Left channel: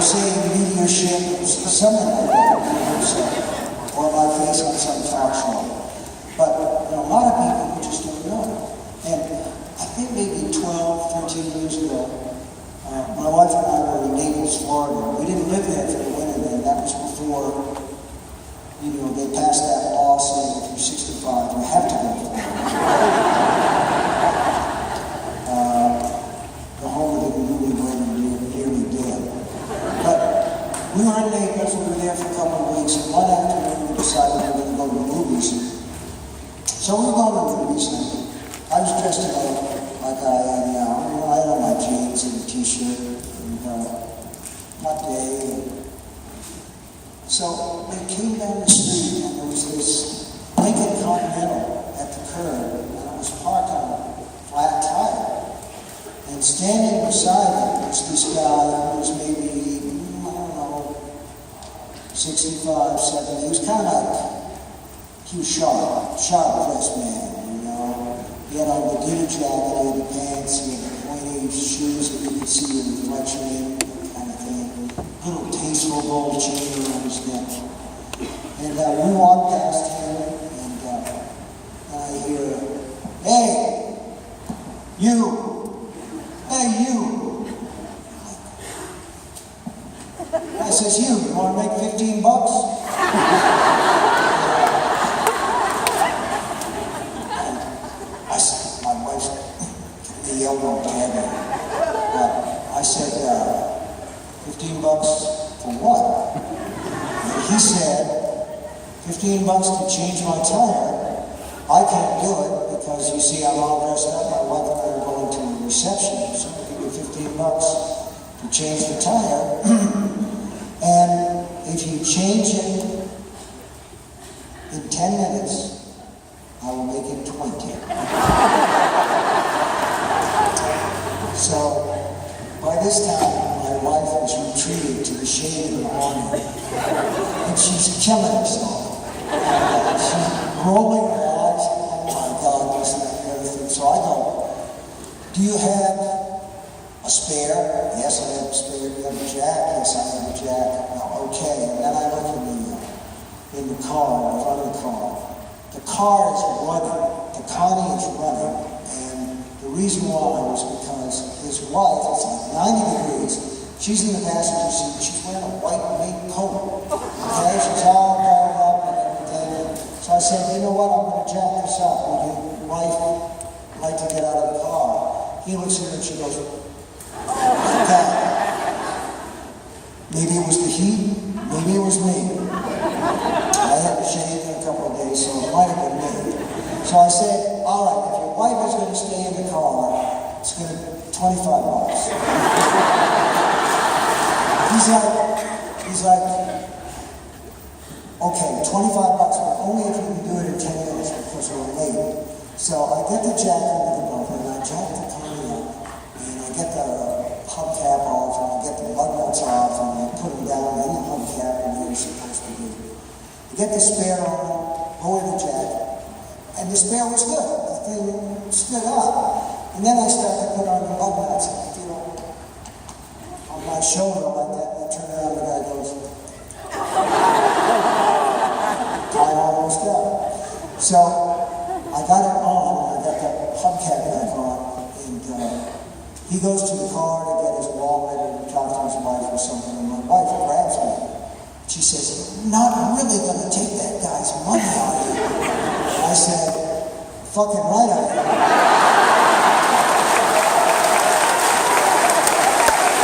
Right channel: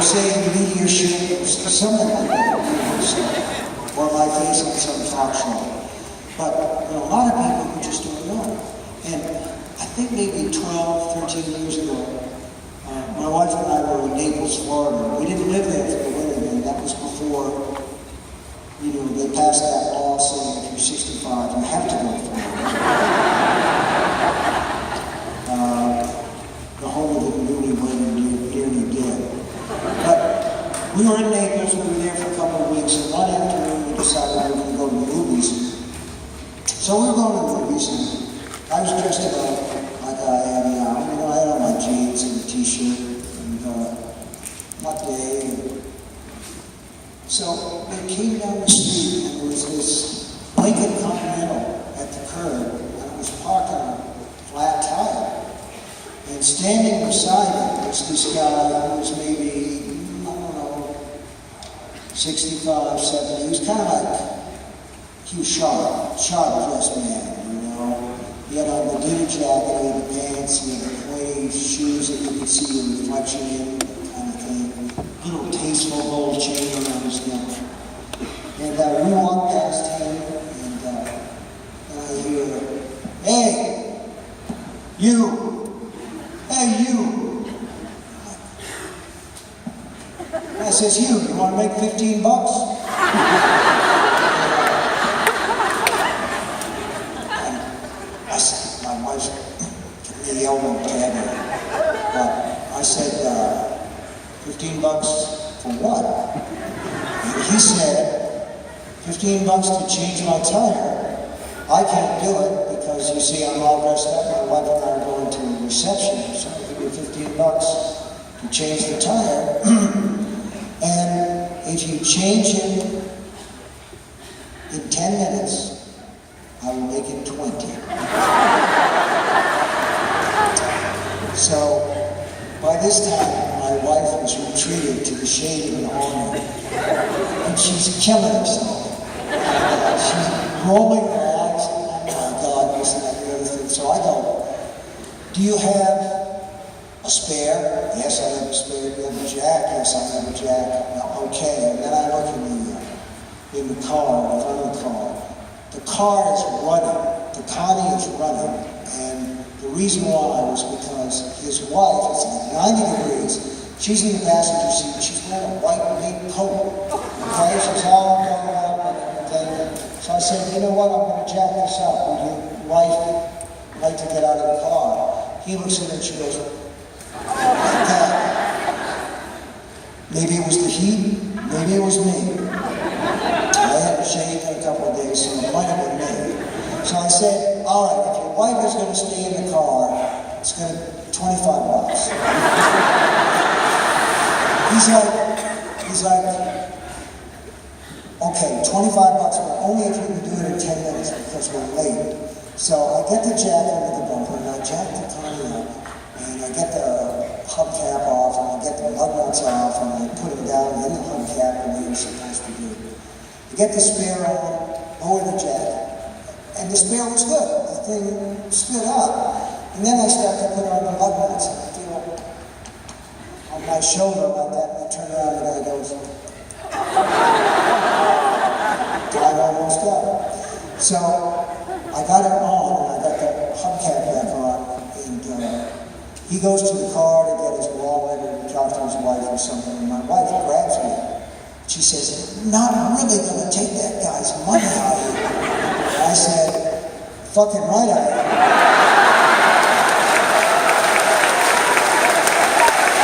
They say mediumship, something like that, or my face on some talk show. But there are a lot of people who just don't know. And I think maybe 12, 13 years ago, my wife and I were in Naples, Florida. We didn't live there for the winter then. That was before, they passed that law saying if you're 65, you have to go to Florida. The home of the newlywed and nearly dead. But we were in Naples. We were there for a couple of weeks. And one afternoon, we decided we were going to go to the movies. So we were going to the movies. And I was dressed up like I am now. I had on my jeans and a t-shirt and hot day. So we came down the street and there was this Lincoln Continental at the curb and it was parked on a flat tire. And standing beside it was this guy who was maybe, 65, 70. He was kind of like, he was sharp-dressed man. He had on the dinner jacket, he had the pants, he had the pointy shoes that you could see the reflection in, kind of thing. Little tasteful gold chain around his neck. And we walked past him, and I hear, "Hey, you! Hey, you!" I says, you want to make $15? The elbow tag. But I said, $15 for what? And he said, $15 to change my tire. I can't do it because you see I'm all dressed up. My wife and I are going to a reception, so I'll give you $15 to change the tire. And if you change it in 10 minutes, I will make it 20. So, by this time, my wife has retreated to the shade of an awning, and she's killing herself. She's rolling her eyes, oh my God, this, that, and the other thing. So I go, do you have a spare? Yes, I have a spare. Do you have a jack? Yes, I have a jack. No, okay. And then I look in the car, in front of the car. The car is running. The Connie is running. The reason why was because his wife, it's like 90 degrees, she's in the passenger seat, she's wearing a white mink coat. Okay, she's all covered up and everything. So I said, you know what, I'm going to jack this up. Would your wife like to get out of the car? He looks at her and she goes, like that. Maybe it was the heat, maybe it was me. I hadn't shaved in a couple of days, so it might have been me. So I said, all right, if your wife is going to stay in the car, it's going to be $25. He's like, okay, $25, but only if you can do it in 10 minutes because we're late. So I get the jack into the bumper, and I jack the Connie up, and I get the hubcap off, and I get the lug nuts off, and I put them down in the hubcap the way you're supposed to do. I get the spare on, lower the jack. And the spare was good. The thing stood up. And then I started to put on the lug nuts and I feel on my shoulder like that. And I turn around and the guy goes, time almost up. So I got it on and I got the hubcap back on. And he goes to the car to get his wallet and talk to his wife or something. And my wife grabs me. She says, not really going to take that guy's money out of you. I said, fucking right I am.